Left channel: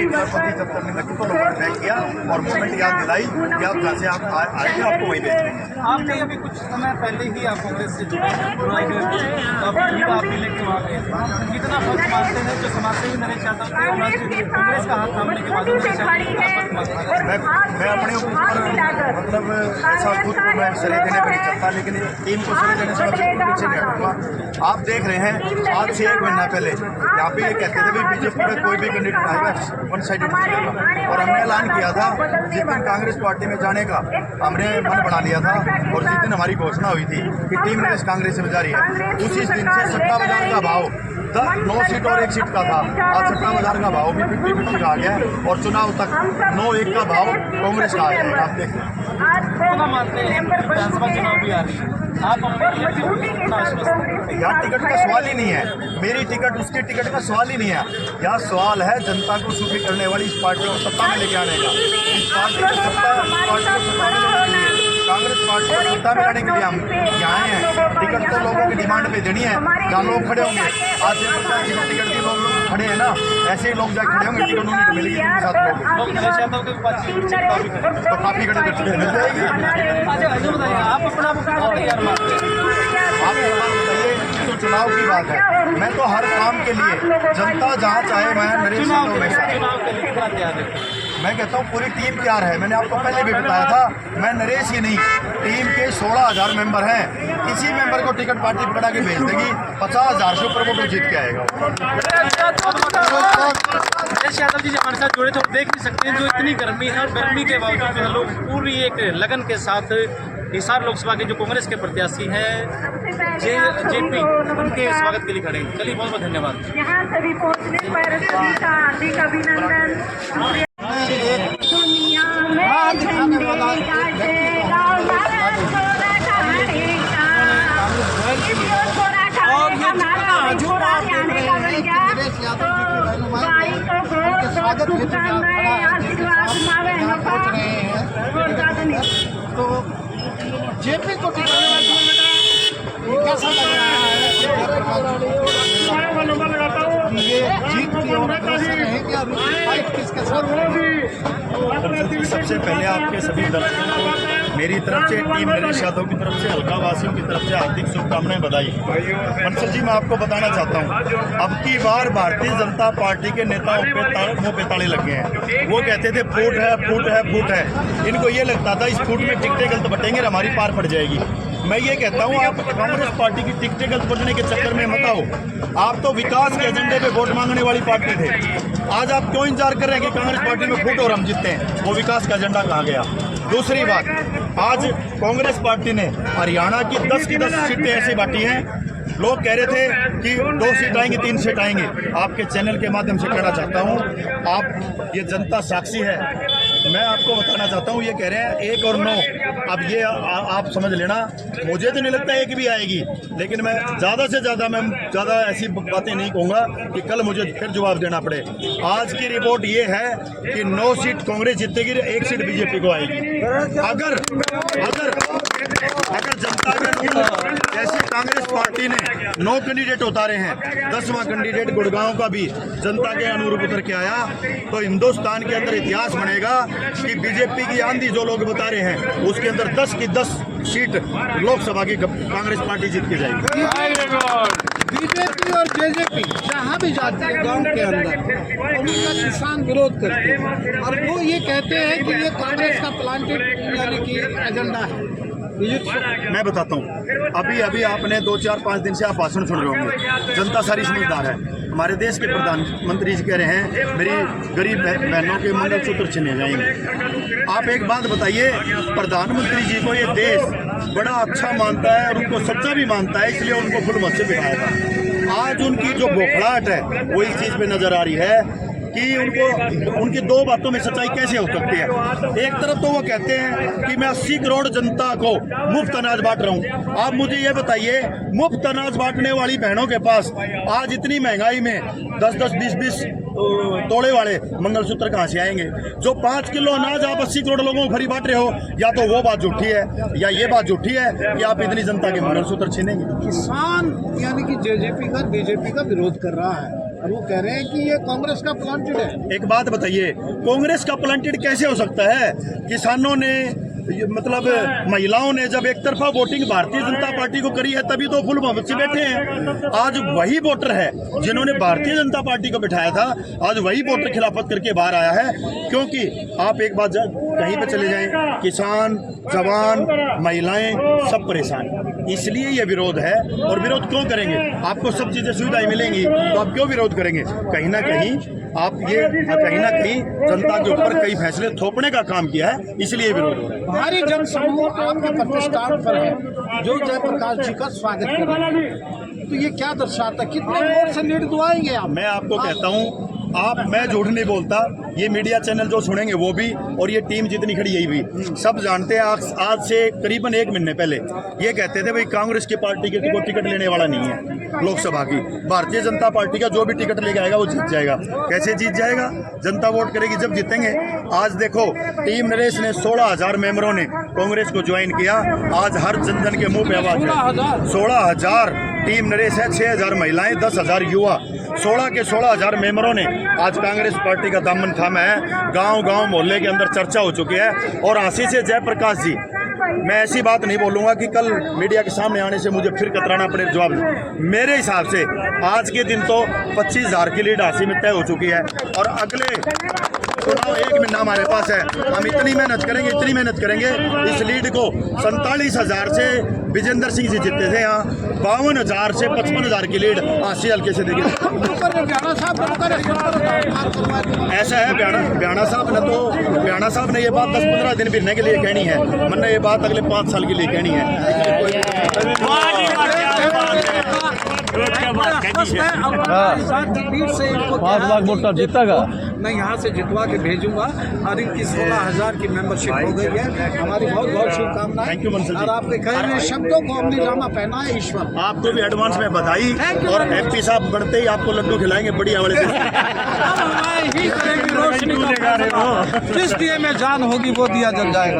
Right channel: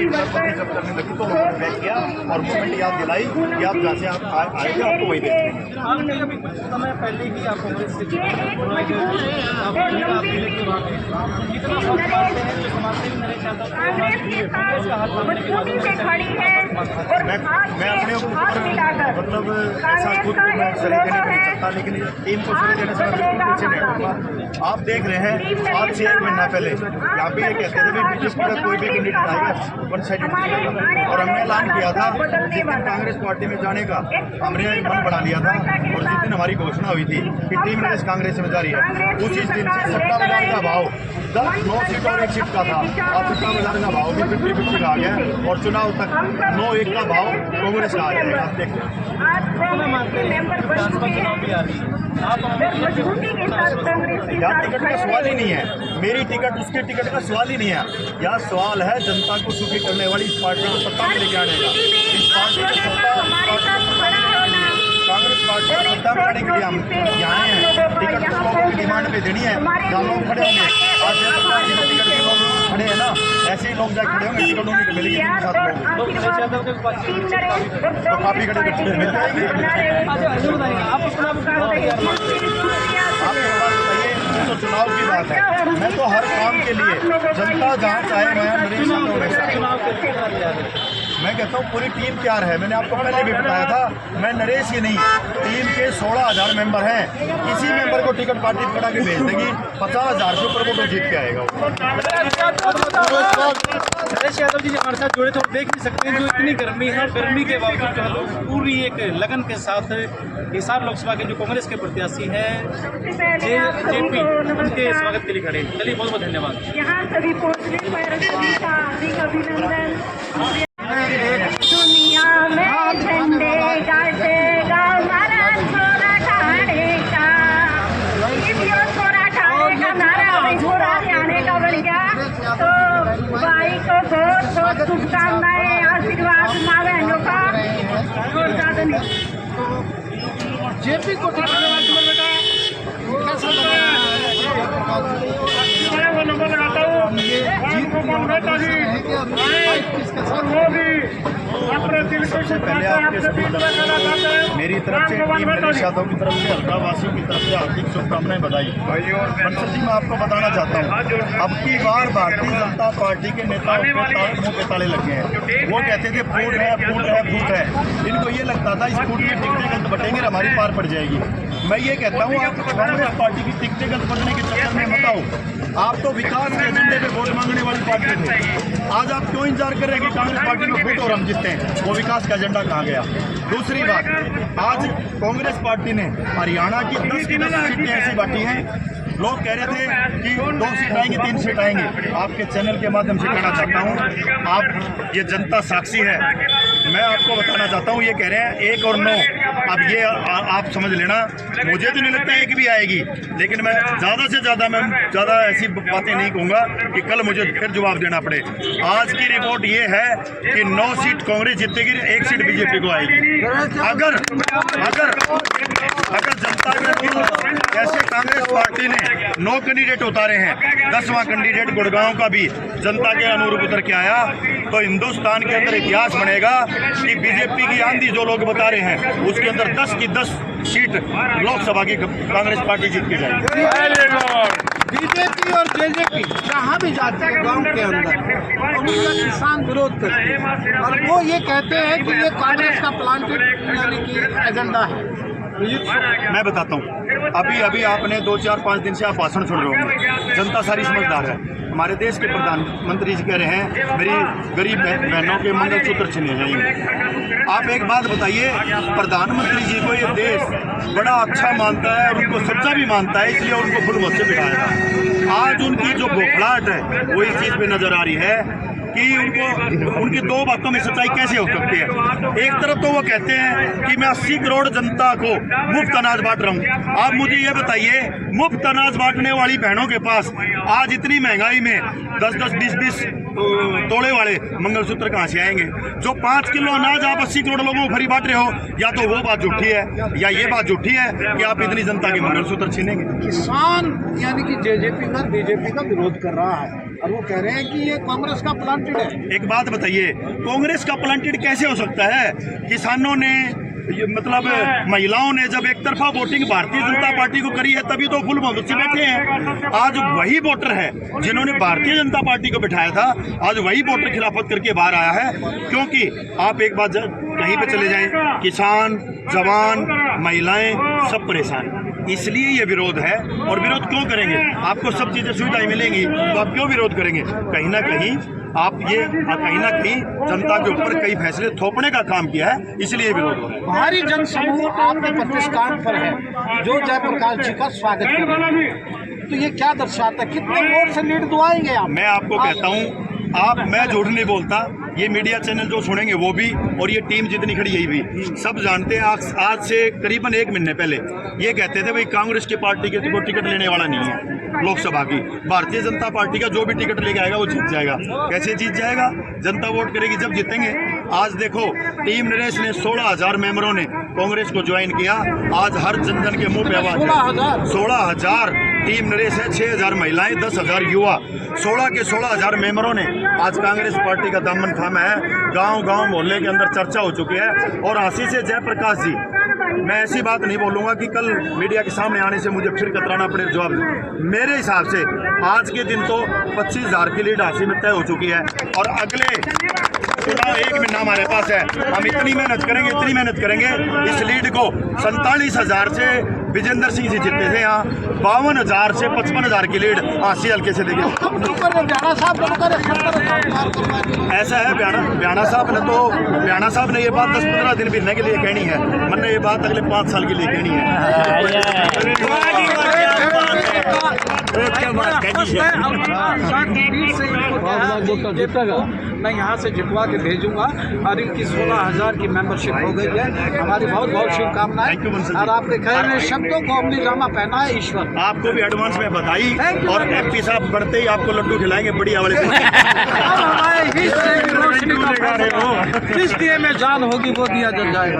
मेरी सरपंच जब करने लगी तो लोगों ने बैक किया और मूवमेंट याद दिलाई कि आप जहाँ से आप आए थे आपको वहीं भेज देंगे। आपने अभी कुछ समय पहले ही आप कांग्रेस से जुड़े हैं, कितना फर्क मानते हैं जो समाज सेवी नरेश यादव थे कांग्रेस का हाथ थामने के बाद? मैं अपने ऊपर मतलब ऐसा खुद को मैं सरे देने पर नहीं चलता, लेकिन टीम को सरे देने से मैं बिल्कुल पीछे नहीं हटूंगा। आप देख रहे हैं आज से 1 महीना पहले यहाँ पे ये कहते थे भाई बीजेपी का कोई भी कैंडिडेट आएगा वन साइडेड जीतेगा, और हमने ऐलान किया था जिस दिन कांग्रेस पार्टी में जाने का हमने मन बना लिया था, और जिस दिन हमारी घोषणा हुई थी कि टीम नरेश कांग्रेस में जा रही है, उसी दिन से सट्टा बाजार का भाव 9 सीट और 1 सीट का था, आज सट्टा बाजार का भाव भी 50-50 का आ गया है, और चुनाव तक 9-1 का भाव कांग्रेस का आ जाएगा। आप देखते हैं चुनाव भी आ रही है, आप यहाँ टिकट का सवाल ही नहीं है, मेरी टिकट उसकी टिकट का सवाल ही नहीं है। यहाँ सवाल है जनता को सुखी करने वाली इस पार्टी को सत्ता में लेके आने का। इस पार्टी को सत्ता में लेने के लिए, कांग्रेस पार्टी को सत्ता में लाने के लिए हम यहाँ आए हैं। टिकट तो लोगों की डिमांड पे देनी है, जहाँ लोग खड़े होंगे आज से टिकट के लोग खड़े हैं ना, ऐसे ही लोग जाके खड़े होंगे, टिकट उन्हीं को मिलेगी जिनके साथ लोग तो काफी खड़े तो टिकट मिल जाएगी। आप एक बार बताइए, तो चुनाव की बात है, मैं तो हर काम के लिए जनता जहाँ चाहे मैं नरेश यादव हमेशा मैं कहता हूँ पूरी टीम तैयार है। मैंने आपको पहले भी बताया था, मैं नरेश ही नहीं, टीम के 16,000 मेंबर हैं, किसी मेंबर को टिकट पार्टी पकड़ा के भेज देगी, 50,000 से ऊपर वोट जीत के आएगा। नरेश यादव जी हमारे साथ जुड़े तो देख नहीं सकते हैं जो इतनी गर्मी है, गर्मी के बावजूद जो है लोग पूरी एक लगन के साथ हिसार लोकसभा के जो कांग्रेस के प्रत्याशी हैं जेपी उनके स्वागत के लिए खड़े। चलिए बहुत बहुत धन्यवाद। यहाँ सभी पहुँचने पर सभी का हार्दिक अभिनंदन। तो जेपी को कैसा लग रहा है? ये जीत की और किसके साथ? सबसे पहले आपके सभी दर्शकों को मेरी तरफ से, टीम नरेश यादव की तरफ से, हल्का वासियों की तरफ से हार्दिक शुभकामनाएं, बधाई। बंसल जी, मैं आपको बताना चाहता हूं, अब की बार भारतीय जनता पार्टी के नेताओं पे मुंह पे ताले लग गए हैं। वो कहते थे फूट है फूट है फूट है, इनको ये लगता था इस फूट में टिकटें गलत बटेंगे, हमारी पार पड़ जाएगी। मैं ये कहता हूँ आप कांग्रेस पार्टी की टिकटें गलत बटने के चक्कर में मत आओ। आप तो विकास के एजेंडे पे वोट मांगने वाली पार्टी थे, आज आप क्यों इंतजार कर रहे हैं कि कांग्रेस पार्टी में फूट और हम जीतते हैं? वो विकास का एजेंडा कहाँ गया? दूसरी बात, आज कांग्रेस पार्टी ने हरियाणा की 10 की 10 सीटें ऐसी बांटी हैं, लोग कह रहे थे कि 2 सीट आएंगी 3 सीट आएंगी। आपके चैनल के माध्यम से कहना चाहता हूँ, आप ये जनता साक्षी है, मैं आपको बताना चाहता हूँ, ये कह रहे हैं 1 और 9, अब ये आप समझ लेना, मुझे तो नहीं लगता एक भी आएगी, लेकिन मैं ज़्यादा से ज़्यादा ऐसी बातें नहीं कहूँगा कि कल मुझे फिर जवाब देना पड़े। आज की रिपोर्ट ये है कि 9 सीट कांग्रेस जीतेगी, 1 सीट बीजेपी को आएगी। अगर जनता के जैसे कांग्रेस पार्टी ने 9 कैंडिडेट उतारे हैं, 10वां कैंडिडेट गुड़गांव का भी जनता के अनुरूप उतर के आया, तो हिंदुस्तान के अंदर इतिहास बनेगा कि बीजेपी की आंधी जो लोग बता रहे हैं उसके अंदर 10 की 10 सीट लोकसभा की कांग्रेस पार्टी जीत के जाएगी। बीजेपी और जेजेपी जहाँ भी जाती है गांव के अंदर, तो उनका किसान विरोध करते हैं और वो ये कहते हैं कि ये कांग्रेस का प्लांटेड यानी कि एजेंडा है। मैं बताता हूँ, अभी आपने 2-4-5 दिन से आप भाषण सुन रहे होंगे, जनता सारी समझदार है। हमारे देश के प्रधानमंत्री जी कह रहे हैं मेरी गरीब बहनों के मंगलसूत्र छीने जाएंगे। आप एक बात बताइए, प्रधानमंत्री जी को ये देश बड़ा अच्छा मानता है और उनको सच्चा भी मानता है, इसलिए उनको फुल मत से बिठाया था। आज उनकी जो बौखलाहट है वो इस चीज़ पे नजर आ रही है कि उनकी 2 बातों में सच्चाई कैसे हो सकती है। एक तरफ तो वो कहते हैं कि मैं 80 करोड़ जनता को मुफ्त अनाज बांट रहा हूँ। आप मुझे ये बताइए, मुफ्त अनाज बांटने वाली बहनों के पास आज इतनी महंगाई में 10-10, 20-20 तोड़े वाले मंगलसूत्र कहाँ से आएंगे? जो 5 किलो अनाज आप 80 करोड़ लोगों को फ्री बांट रहे हो, या तो वो बात झूठी है या ये बात झूठी है कि आप इतनी जनता के मंगलसूत्र छीनेंगे। किसान यानी कि जेजेपी का बीजेपी का विरोध कर रहा है, और वो कह रहे हैं कि ये कांग्रेस का प्लांटेड है। एक बात बताइए, कांग्रेस का प्लांटेड कैसे हो सकता है? किसानों ने मतलब महिलाओं ने जब एक तरफा वोटिंग भारतीय जनता पार्टी को करी है तभी तो फुल बहुमत से बैठे हैं। आज वही वोटर है जिन्होंने भारतीय जनता पार्टी को बिठाया था, आज वही वोटर खिलाफत करके बाहर आया है। क्योंकि आप एक बात कहीं पे चले जाएं, किसान, जवान, महिलाएं सब परेशान, इसलिए ये विरोध है। और विरोध क्यों करेंगे? आपको सब चीजें सुविधाएं मिलेंगी तो आप क्यों विरोध करेंगे? कहीं ना कहीं आप ये कहीं ना कहीं जनता के ऊपर कई फैसले थोपने का काम किया है, इसलिए विरोध हो रहा है। भारी जन समूह आपके प्रतिष्ठान पर है जो जयप्रकाश जी का स्वागत कर रहे हैं, तो ये क्या दर्शाता है? कितने वोट से लीड दुआएंगे आप? मैं आपको कहता हूँ, मैं झूठ नहीं बोलता, ये मीडिया चैनल जो सुनेंगे वो भी, और ये टीम जितनी खड़ी यही भी सब जानते हैं। आज से करीबन 1 महीने पहले ये कहते थे भाई कांग्रेस की पार्टी के को टिकट लेने वाला नहीं है लोकसभा की, भारतीय जनता पार्टी का जो भी टिकट लेके आएगा वो जीत जाएगा। कैसे जीत जाएगा? जनता वोट करेगी जब जीतेंगे। आज देखो, टीम नरेश ने 16,000 मेंबरों ने कांग्रेस को ज्वाइन किया। आज हर जनजन के मुंह पे आवाज है 16,000 टीम नरेश है, 6,000 महिलाएं, 10,000 युवा, 16 के 16,000 मेंबरों ने आज कांग्रेस पार्टी का दामन थामा है। गांव गांव मोहल्ले के अंदर चर्चा हो चुकी है। और आशीष जयप्रकाश जी, मैं ऐसी बात नहीं बोलूंगा कि कल मीडिया के सामने आने से मुझे फिर कतराना पड़े जवाब। मेरे हिसाब से आज के दिन तो 25,000 की लीड हासिल में तय हो चुकी है। और अगले चुनाव 1 महीना हमारे पास है, हम इतनी मेहनत करेंगे इस लीड को 47,000 से विजेंद्र सिंह जी जीते थे यहाँ, 52,000 से 55,000 की लीड आशी हल्के से देंगे। ऐसा है, ब्याणा साहब ने ये बात 10-15 दिन फिरने के लिए कहनी है, मैंने ये बात अगले 5 साल के लिए कहनी है। क्या बात मैं यहाँ से जितवा के भेजूंगा और इनकी 16,000 की मेंबरशिप हो गई है। हमारी बहुत बहुत शुभकामनाएं। और आपने कहे शब्दों को अपनी जामा पहना है ईश्वर। आपको भी एडवांस में बधाई, और MP साहब बढ़ते ही आपको लड्डू खिलाएंगे बढ़िया वाले। जिस दिए में जान होगी वो दिया जल जाएगा।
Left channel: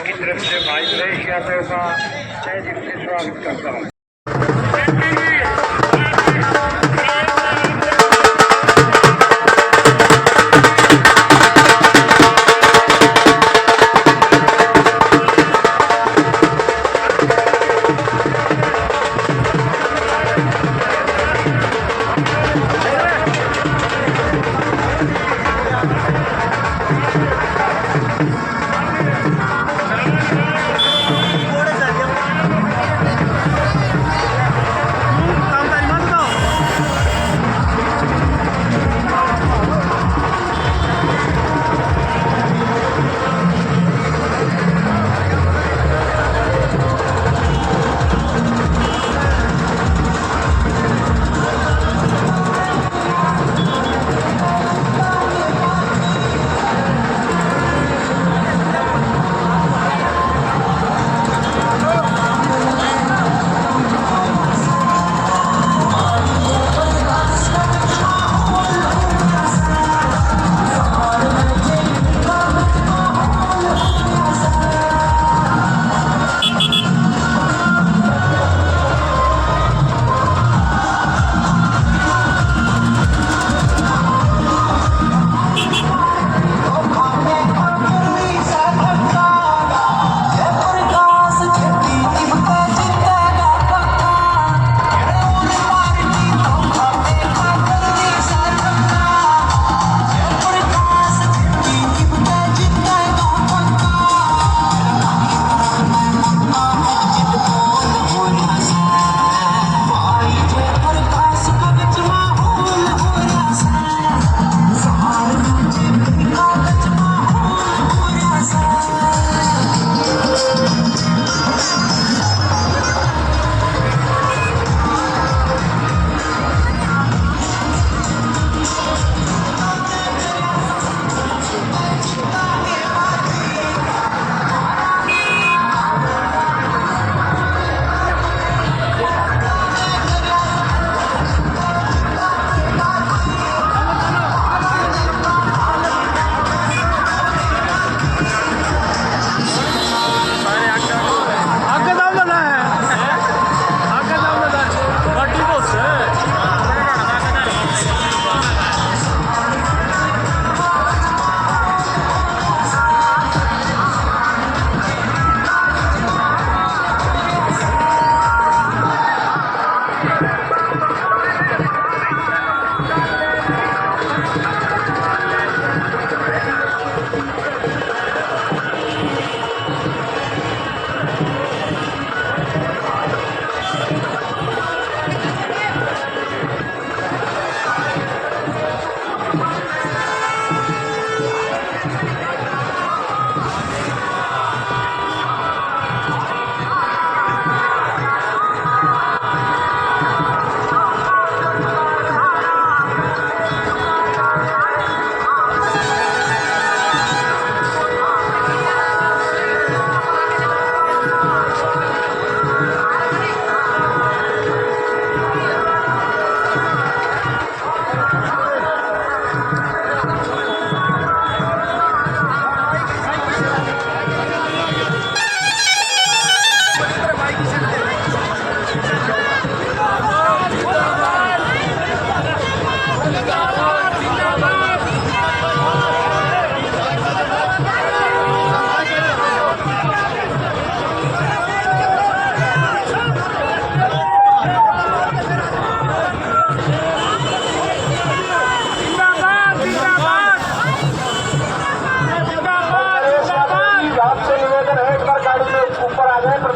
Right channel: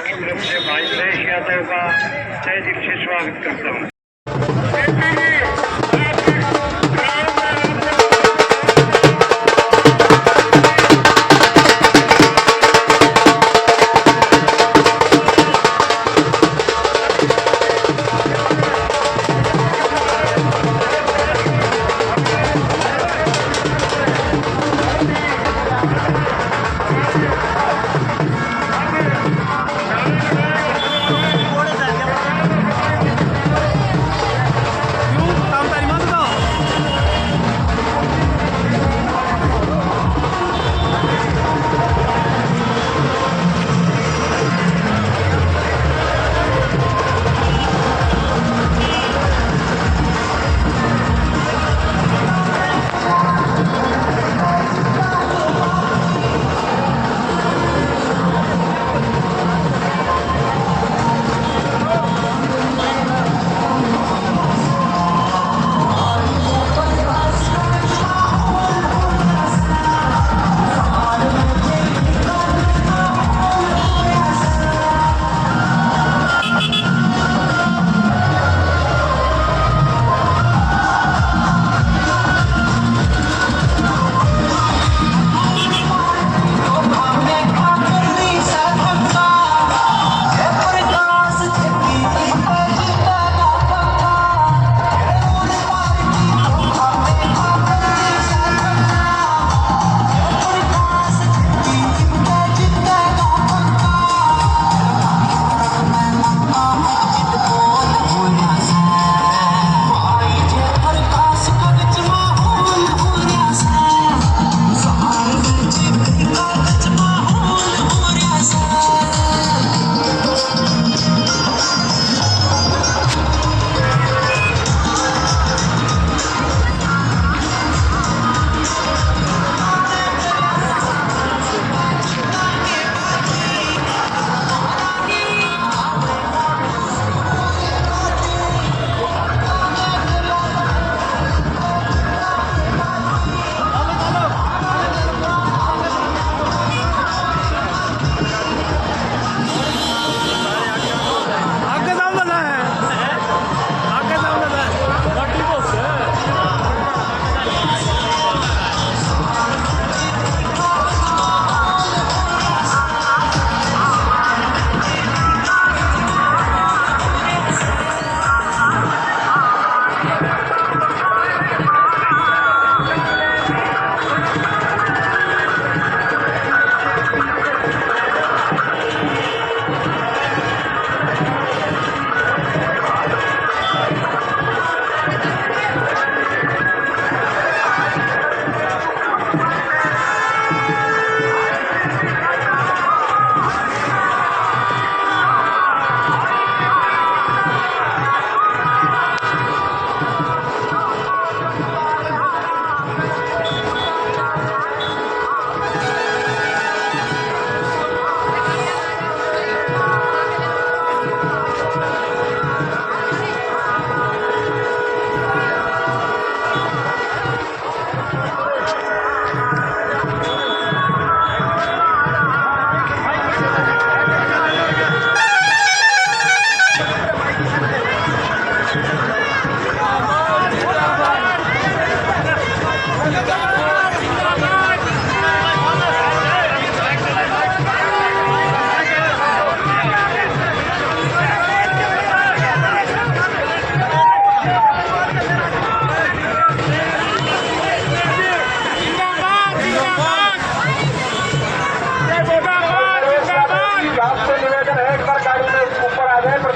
की तरफ से भाई नरेश यादव का जय दिल से स्वागत करता हूँ।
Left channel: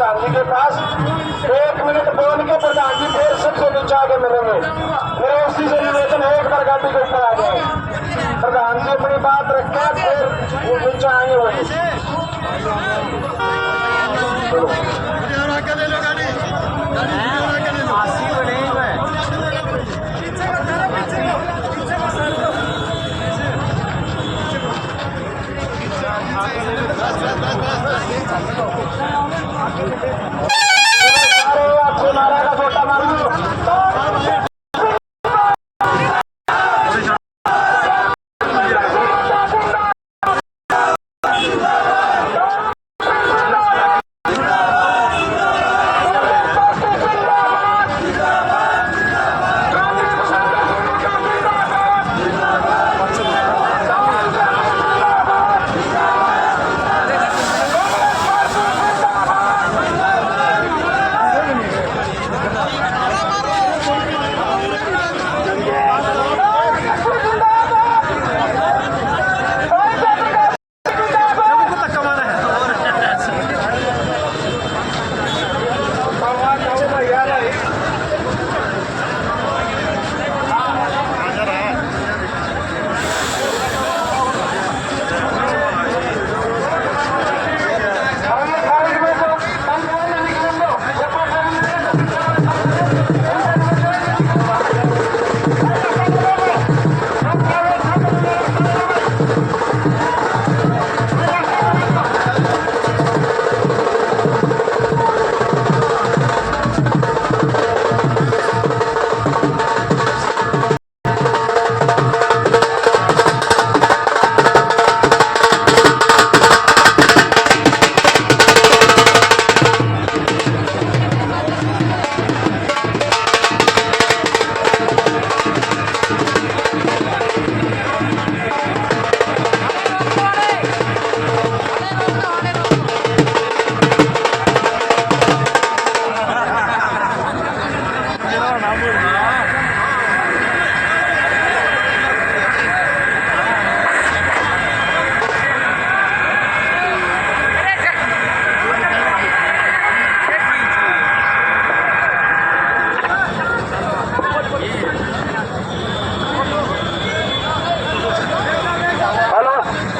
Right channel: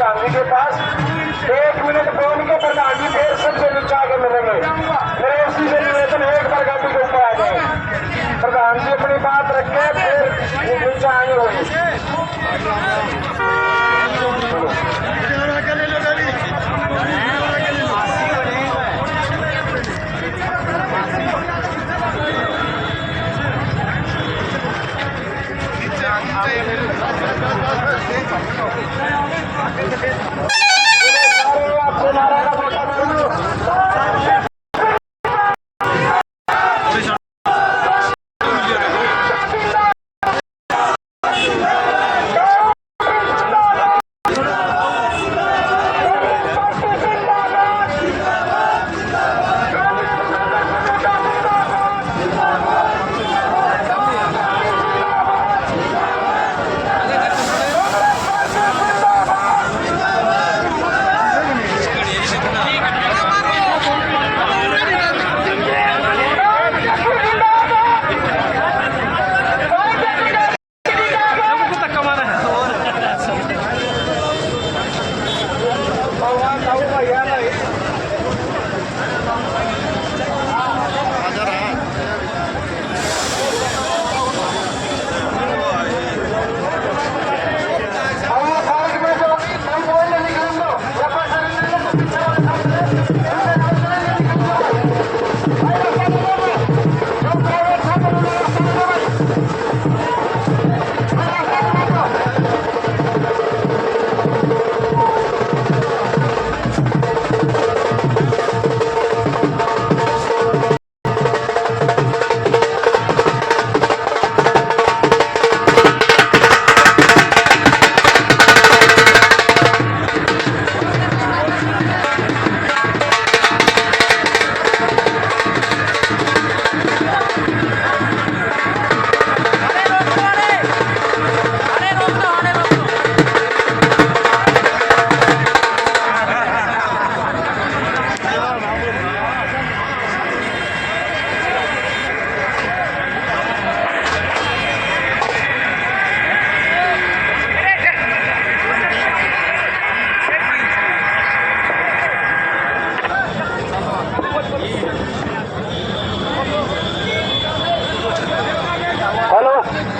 प्रधान जी के पास 1 मिनट बोल के प्रधान जी फिर सबसे नीचे आके मिलेंगे। फिर उसी से निवेदन है एक बार गाड़ी के ऊपर आ जाए। प्रधान जी अपनी बात रखे फिर नीचे आएंगे वही।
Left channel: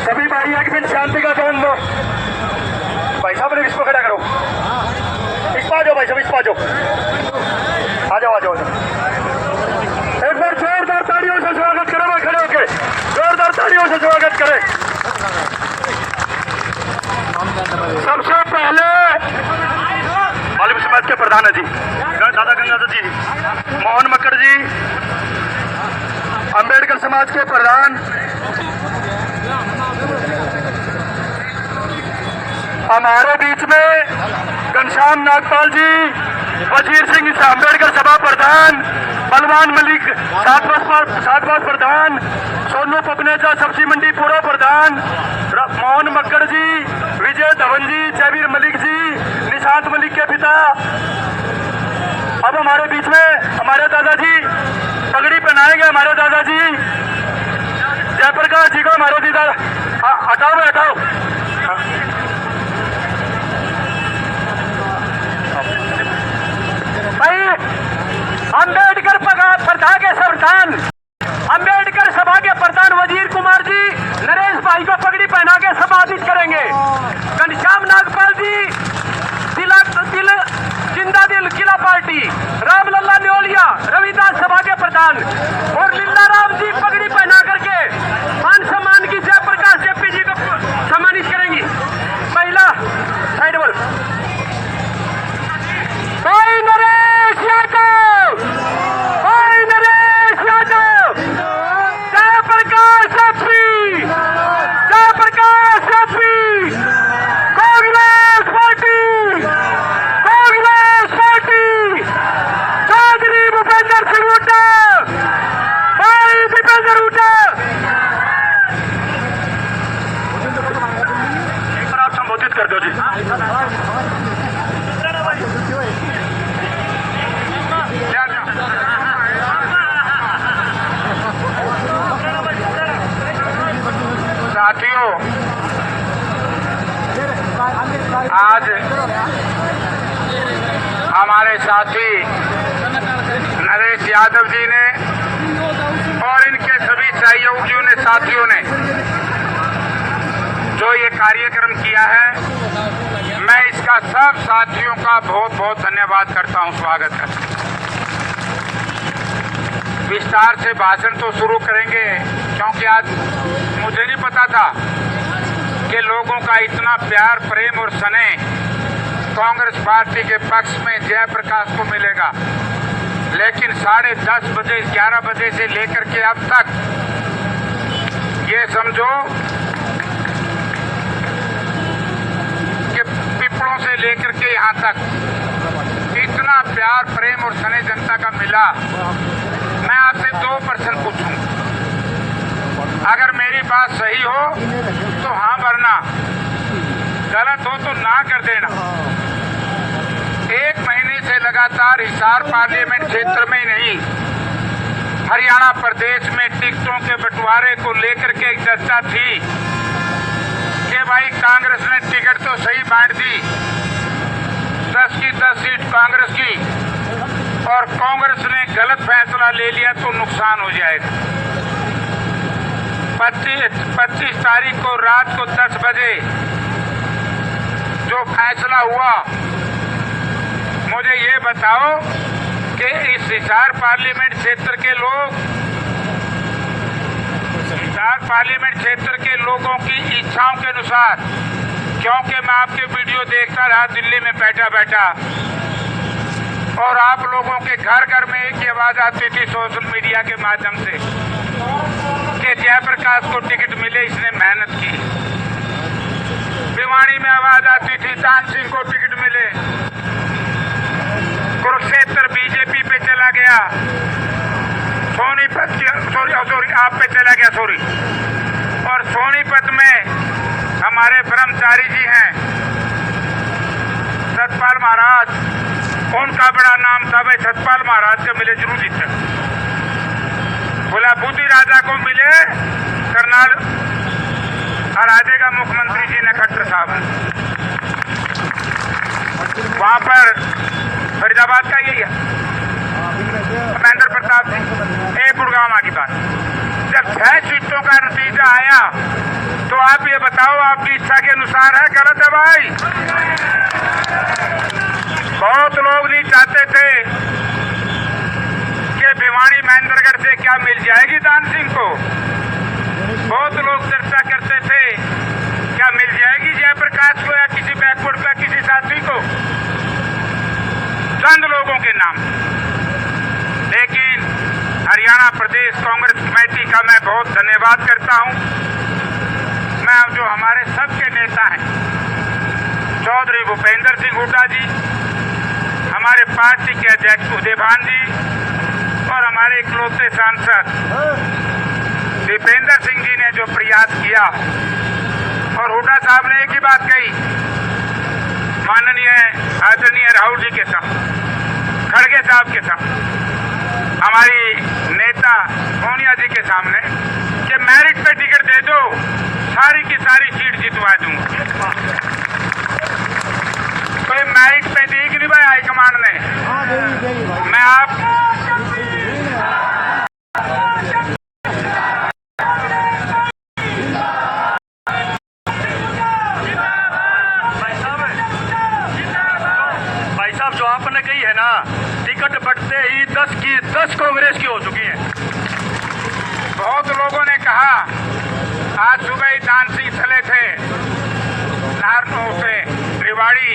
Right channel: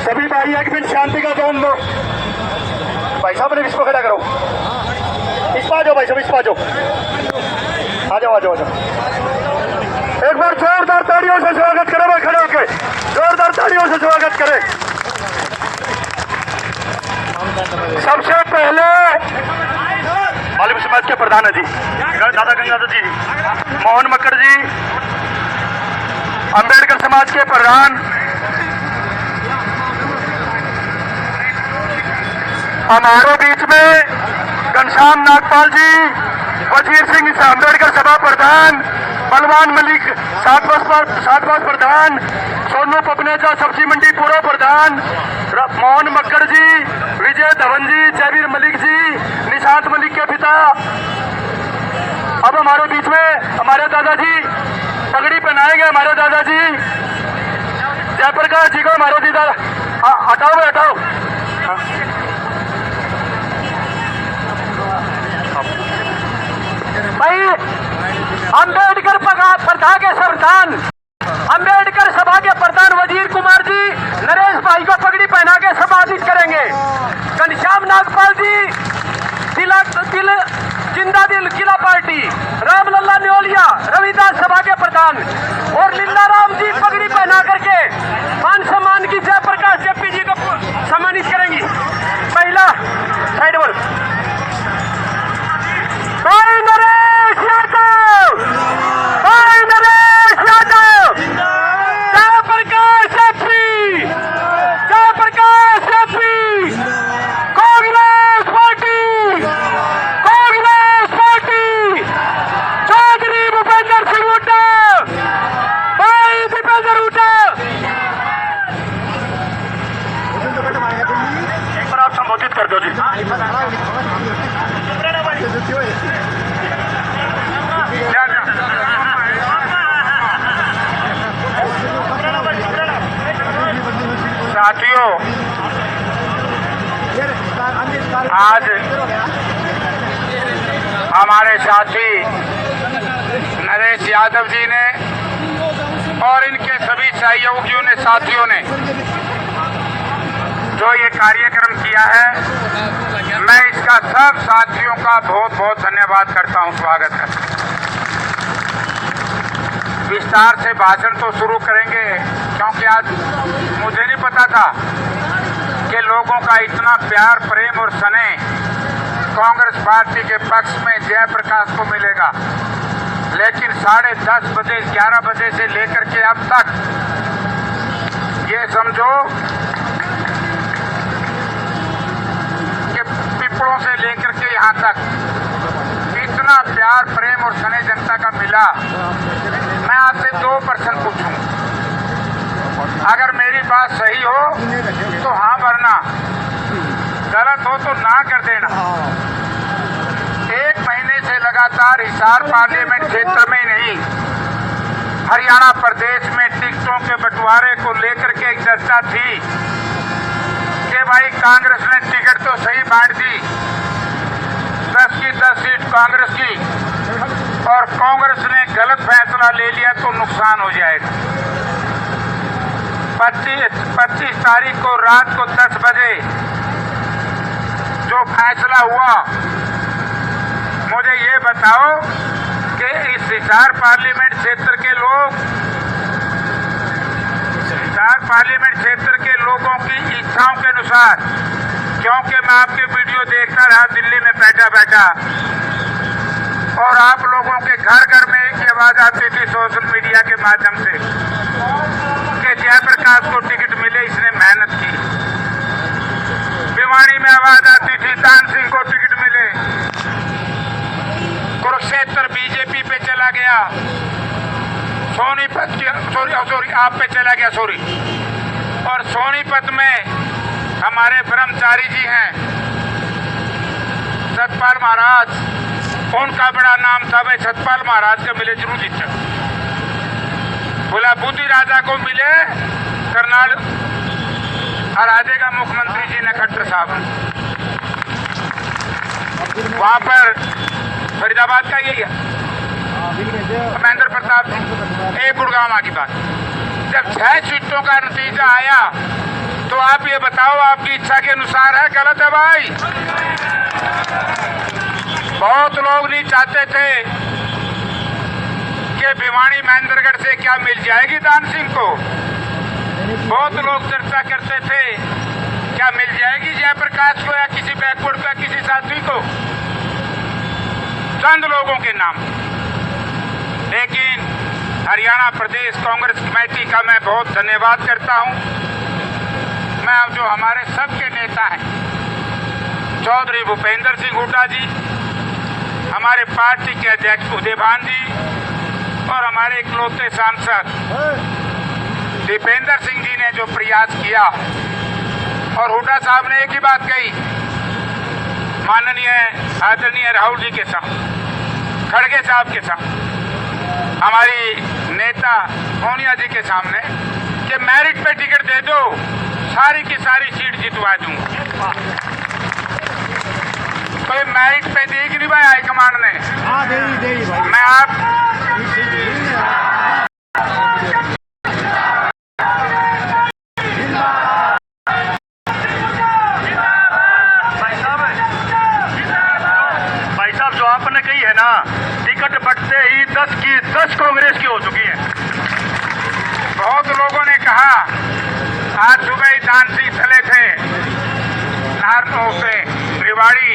सभी भाई एक मिनट शांति का ध्यान दो। भाई साहब ने इसको खड़ा करो। इस पा जाओ भाई साहब, इस पा जाओ। आ जाओ आ जाओ। एक बार जोरदार तालियों से स्वागत करें भाई, खड़े होके जोरदार तालियों से स्वागत करें। सबसे पहले मालूम समाज के प्रधान है जी दादा गंगाधर जी, मोहन मक्कड़ जी, अंबेडकर समाज के प्रधान हमारे बीच में घनश्याम नागपाल जी, वजीर सिंह अंबेडकर सभा प्रधान, बलवान मलिक सातवास प्रधान, सोनू पपनेजा सब्जी मंडी पूर्व प्रधान, मोहन मक्कड़ जी, विजय धवन जी, जयवीर मलिक जी, निशांत मलिक के पिता। अब हमारे बीच में हमारे दादाजी पगड़ी पहनाएंगे। हमारे दादाजी जयप्रकाश जी को हमारे दीदा हटाओ हटाओ। भाई अंबेडकर प्रथा के संविधान, अंबेडकर सभा के प्रधान वजीर कुमार जी नरेश भाई को पगड़ी पहना के सम्मानित करेंगे। घनश्याम नागपाल जी जिंदा दिल किला पार्टी, रामलला न्योलिया रविदास सभा के प्रधान और लीला राम जी पगड़ी पहना करके मान सम्मान की जयप्रकाश जेपी जी को सम्मानित करेंगी। महिला साइड बोल भाई नरेश यादव, भाई Naresh Yadav, Jayprakash JP, Jayprakash JP, Congress party, Congress party, Chaudhary Bhupendra Singh Hooda, भाई भूपेंद्र हुड्डा। आप संबोधित कर दो जी। साथियों, आज हमारे साथी नरेश यादव जी ने और इनके सभी सहयोगियों ने, साथियों ने जो ये कार्यक्रम किया है, मैं इसका सब साथियों का बहुत बहुत धन्यवाद करता हूं, स्वागत करता हूं। विस्तार से भाषण तो शुरू करेंगे, क्योंकि आज मुझे नहीं पता था कि लोगों का इतना प्यार, प्रेम और स्नेह कांग्रेस पार्टी के पक्ष में जयप्रकाश को मिलेगा। लेकिन 10:30 बजे, 11 बजे से लेकर के अब तक ये समझो कि पिपड़ों से लेकर के यहाँ तक इतना प्यार, प्रेम और स्नेह जनता का मिला। मैं आपसे 2 प्रश्न पूछूं, अगर मेरी बात सही हो तो हाँ भरना, गलत हो तो ना कर देना। 1 महीने से लगातार हिसार पार्लियामेंट क्षेत्र में ही नहीं, हरियाणा प्रदेश में टिकटों के बंटवारे को लेकर के एक चर्चा थी कि भाई कांग्रेस ने टिकट तो सही बांट दी, 10 की 10 सीट कांग्रेस की, और कांग्रेस ने गलत फैसला ले लिया तो नुकसान हो जाएगा। 25 तारीख को रात को 10 बजे जो फैसला हुआ, मुझे ये बताओ कि इस हिसार पार्लियामेंट क्षेत्र के लोग, हिसार पार्लियामेंट क्षेत्र के लोगों की इच्छाओं के अनुसार, क्योंकि मैं आपके वीडियो देखता रहा दिल्ली में बैठा बैठा, और आप लोगों के घर घर में एक ही आवाज आती थी सोशल मीडिया के माध्यम से कि जयप्रकाश को टिकट मिले, इसने मेहनत की। भिवाड़ी में आवाज आती थी दान सिंह को टिकट मिले। कुरुक्षेत्र बीजेपी पे चला गया, सोनीपत सॉरी आप पे चला गया, सॉरी। और सोनीपत में हमारे ब्रह्मचारी जी हैं सतपाल महाराज, उनका बड़ा नाम था, भाई सतपाल महाराज को मिले जरूर जीत सकते। बोला बुद्धि राजा को मिले, करनाल हरा देगा मुख्यमंत्री जी ने, खट्टर साहब। वहां पर फरीदाबाद का यही है महेंद्र प्रताप, एक गुड़गांव की बात। जब 6 सीटों का नतीजा आया तो आप ये बताओ, आपकी इच्छा के अनुसार है, गलत है भाई? बहुत लोग नहीं चाहते थे कि भिवाड़ी महेंद्रगढ़ से क्या मिल जाएगी दान सिंह को। बहुत लोग चर्चा करते थे क्या मिल जाएगी जयप्रकाश को या किसी बैकवर्ड का किसी साथी को, चंद लोगों के नाम। लेकिन हरियाणा प्रदेश कांग्रेस कमेटी का मैं बहुत धन्यवाद करता हूं। मैं जो हमारे सबके नेता हैं, चौधरी भूपेंद्र सिंह हुड्डा जी, हमारे पार्टी के अध्यक्ष उदयभान जी, और हमारे इकलौते सांसद दीपेंद्र सिंह जी ने जो प्रयास किया, और हुड्डा साहब ने एक ही बात कही, माननीय आदरणीय राहुल जी के साथ, खड़गे साहब के साथ, हमारी नेता सोनिया जी के सामने कि मेरिट पे टिकट दे दो, सारी की सारी सीट जितवा दूंगा। कोई मेरिट पे दी कि नहीं भाई हाईकमांड ने? मैं आप भाई साहब जो आपने कही है ना, टिकट बटते ही 10 की 10 कांग्रेस की हो चुकी है। बहुत लोगों ने कहा, आज सुबह ही दान सिंह चले थे नारनौ से रेवाड़ी,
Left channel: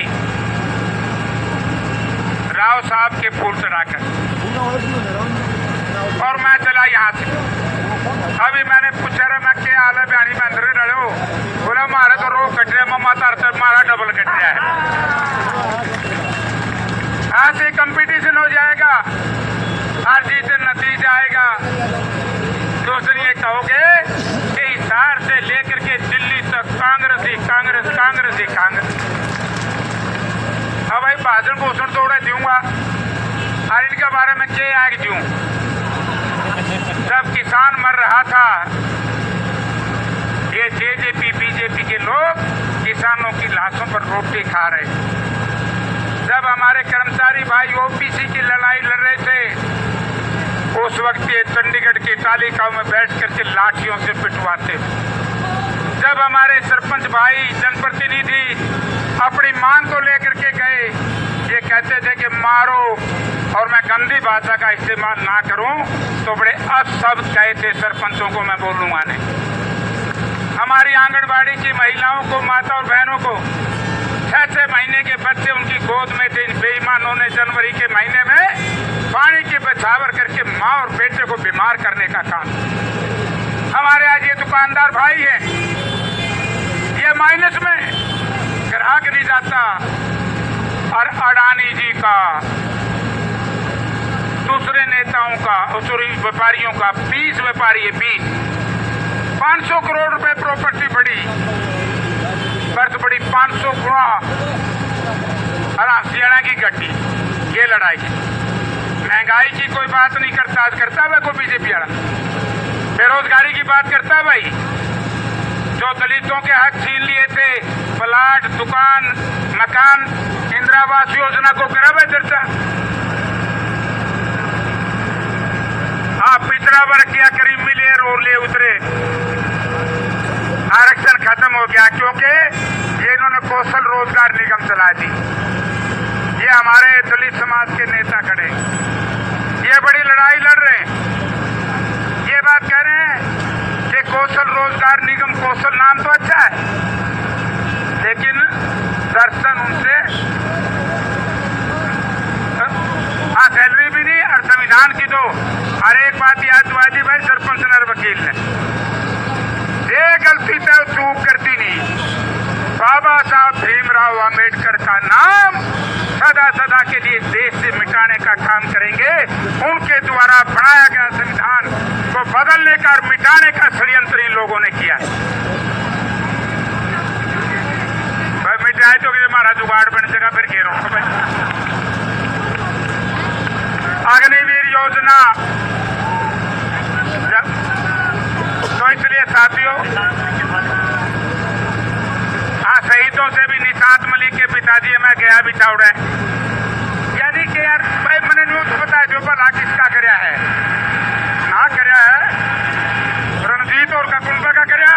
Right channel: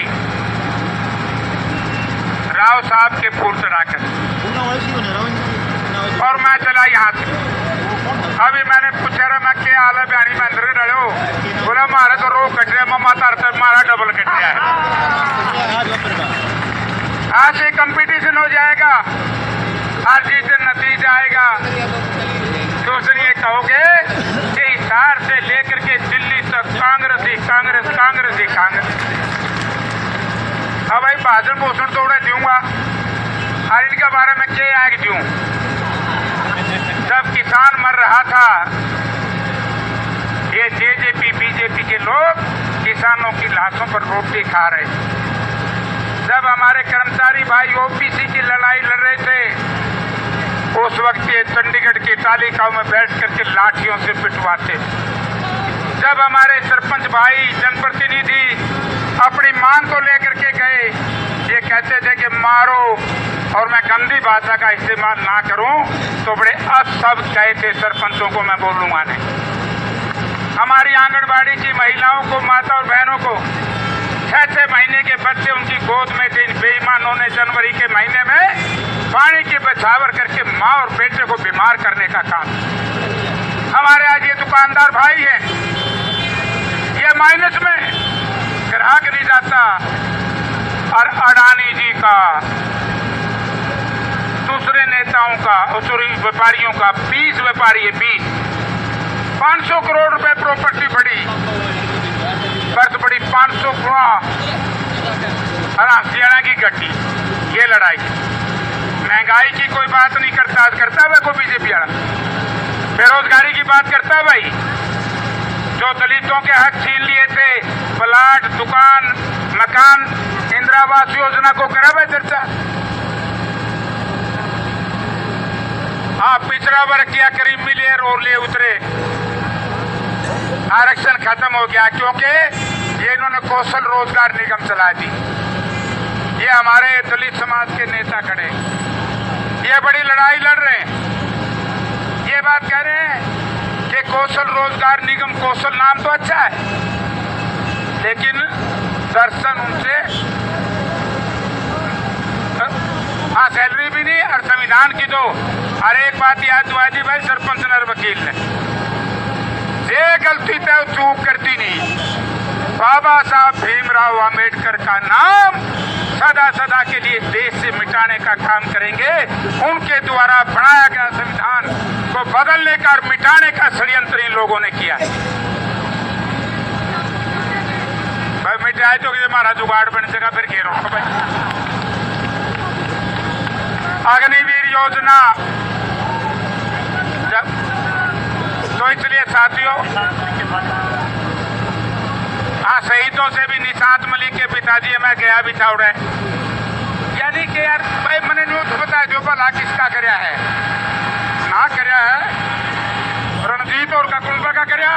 राव साहब के फूल चढ़ाकर, और मैं चला यहाँ से। अभी मैंने पूछा रहा मैं क्या हाल है बयानी में अंदर डलो, बोला मारे तो रो कट रहा, मम्मा तारते मारा डबल कट रहा है। आज से कंपटीशन हो जाएगा, हर चीज से नतीजा आएगा। दूसरी ये कहोगे कि हिसार से लेकर के दिल्ली तक कांग्रेस ही कांग्रेस, कांग्रेस ही कांग्रेस। अब भाई भाषण पोषण तो उड़े दूंगा, और इनके बारे में क्या आग दूं? जब किसान मर रहा था, ये जेजेपी बीजेपी के लोग किसानों की लाशों पर रोटी खा रहे। जब हमारे कर्मचारी भाई ओबीसी की लड़ाई लड़ रहे थे, उस वक्त ये चंडीगढ़ की तालिकाओं में बैठ करके लाठियों से पिटवाते। जब हमारे सरपंच भाई जनप्रतिनिधि अपनी मांग को लेकर के गए, ये कहते थे कि मारो, और मैं गंदी भाषा का इस्तेमाल ना करूं तो बड़े असभ कहे थे सरपंचों को, मैं बोलूंगा नहीं। हमारी आंगनबाड़ी की महिलाओं को, माता और बहनों को 6 महीने के बच्चे उनकी गोद में थे। इन बेईमानों ने जनवरी के महीने में पानी की बछावर करके माँ और बेटे को बीमार करने का काम। हमारे आज ये दुकानदार भाई हैं, ये माइनस में, ग्राहक नहीं जाता। और अडानी जी का, दूसरे नेताओं का, व्यापारियों का, 20 व्यापारी है, 500 करोड़ रुपए प्रॉपर्टी बढ़ी, बर्थ बढ़ी 500 गुणा। और हरियाणा की गड्डी, ये लड़ाई। महंगाई की कोई बात नहीं करता है कोई बीजेपी वाला। बेरोजगारी की बात करता है भाई। जो दलितों के हक छीन लिए थे, प्लाट, दुकान, मकान, इंदिरा आवास योजना को करा भाई चर्चा। आप पिछड़ा वर्ग क्या करीब मिले और ले उतरे, आरक्षण खत्म हो गया क्योंकि ये इन्होंने कौशल रोजगार निगम चला दी। ये हमारे दलित समाज के नेता खड़े, ये बड़ी लड़ाई लड़ रहे हैं। ये बात कह रहे हैं कि कौशल रोजगार निगम, कौशल नाम तो अच्छा है, लेकिन दर्शन उनसे सैलरी भी नहीं और संविधान की दो। और एक बात याद दुआजी भाई, सरपंच नर वकील ने ये गलती तो चूक करती नहीं। बाबा साहब भीमराव अंबेडकर का नाम सदा सदा के लिए देश से मिटाने का काम करेंगे। उनके द्वारा बनाया गया संविधान को बदलने का और मिटाने का षड्यंत्र इन लोगों ने किया है। भाई मिट जाए तो हमारा जुगाड़ बन जाएगा, फिर घेरो। अग्निवीर योजना, तो इसलिए साथियों, हाँ, शहीदों से भी निशांत मलिक के पिताजी मैं गया भी था उड़े, यानी कि यार भाई मैंने न्यूज बताया जो भला किसका करया है, हाँ करया है रणजीत और का कुंबा का करया।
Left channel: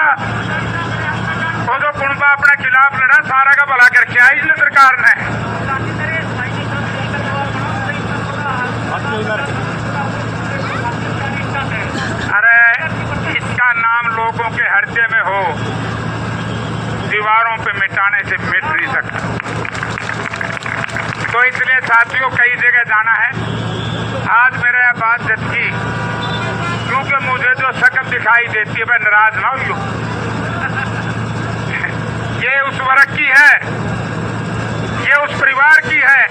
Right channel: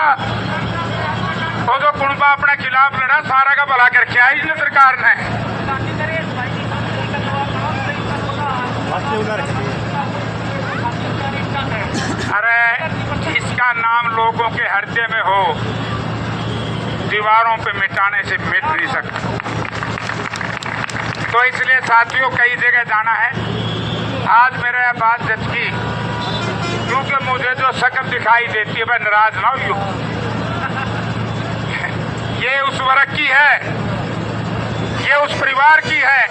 वो जो कुंबा अपने खिलाफ लड़ा, सारा का भला करके आई इसने सरकार ने। अरे इसका नाम लोगों के हृदय में हो, दीवारों पे मिटाने से मिट नहीं सकता। तो इसलिए साथियों कई जगह जाना है। आज मेरे बात जचकी, क्योंकि मुझे जो शक्ल दिखाई देती है, मैं नाराज ना हो, ये उस वर्ग की है, ये उस परिवार की है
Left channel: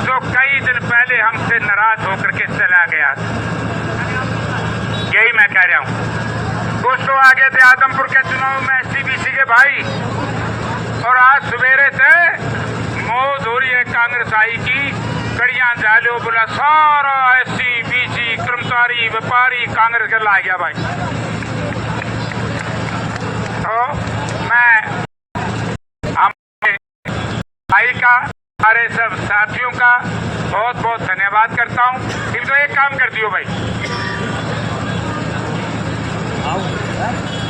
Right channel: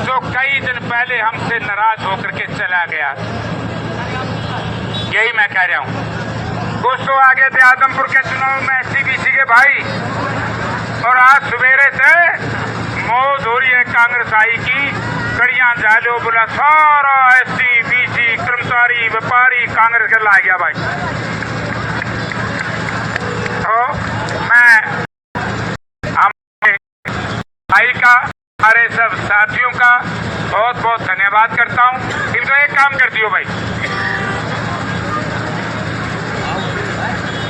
जो कई दिन पहले हमसे नाराज होकर के चला गया। यही मैं कह रहा हूँ। कुछ तो आगे थे आदमपुर के चुनाव में एसटीबीसी के भाई, और आज सवेरे से मौज हो रही है कांग्रेस आई की, कड़ियां जालो बोला सारा एसटीबीसी कर्मचारी व्यापारी कांग्रेस के ला गया भाई। तो मैं भाई का, हमारे सब साथियों का बहुत बहुत धन्यवाद करता हूं। इनको एक काम कर दियो भाई।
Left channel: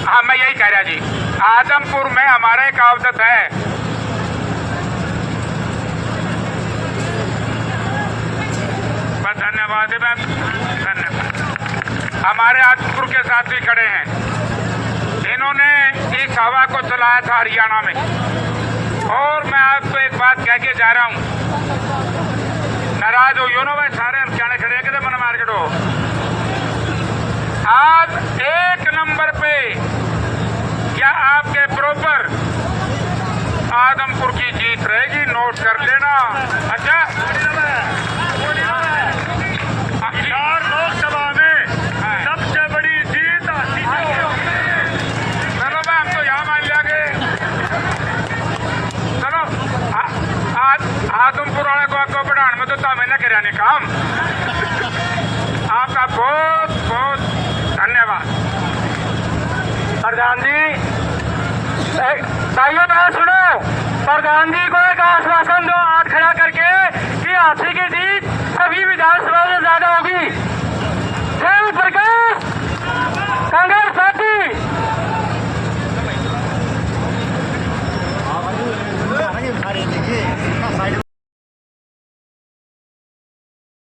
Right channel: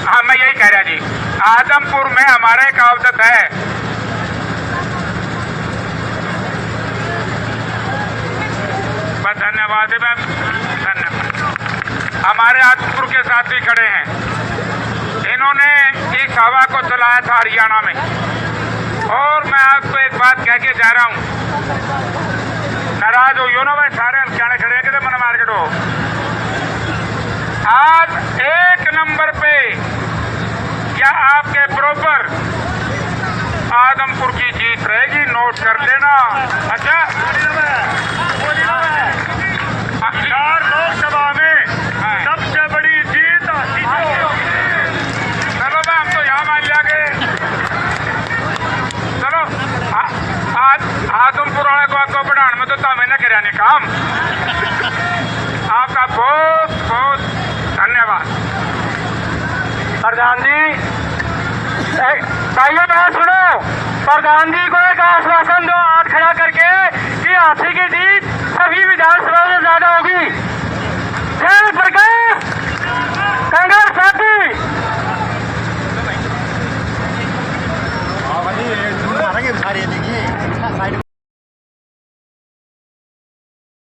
हाँ, मैं यही कह रहा जी, आदमपुर में हमारा एक आवदत है, बस धन्यवाद है मैम, धन्यवाद। हमारे आदमपुर के साथी खड़े हैं, इन्होंने इस हवा को चलाया था हरियाणा में। और मैं आपको एक बात कह के जा रहा हूं, नाराज हो ना भाई, सारे हरियाणा खड़े हैं, किधर मन मार्केट हो। आज 1 नंबर पे क्या आपके बरोबर आदमपुर की जीत रहेगी, नोट कर लेना। अच्छा, बिहार लोकसभा में सबसे बड़ी जीत। चलो भाई, हम तो यहाँ मान लिया गए। चलो, आज आदमपुर वाले को आपको बढ़ाने में तो तमें न कराने काम। आपका बहुत बहुत धन्यवाद। प्रधान जी, भाइयों बात सुनो, प्रधान जी को एक आश्वासन दो, हाथ खड़ा सारे देखिए साइड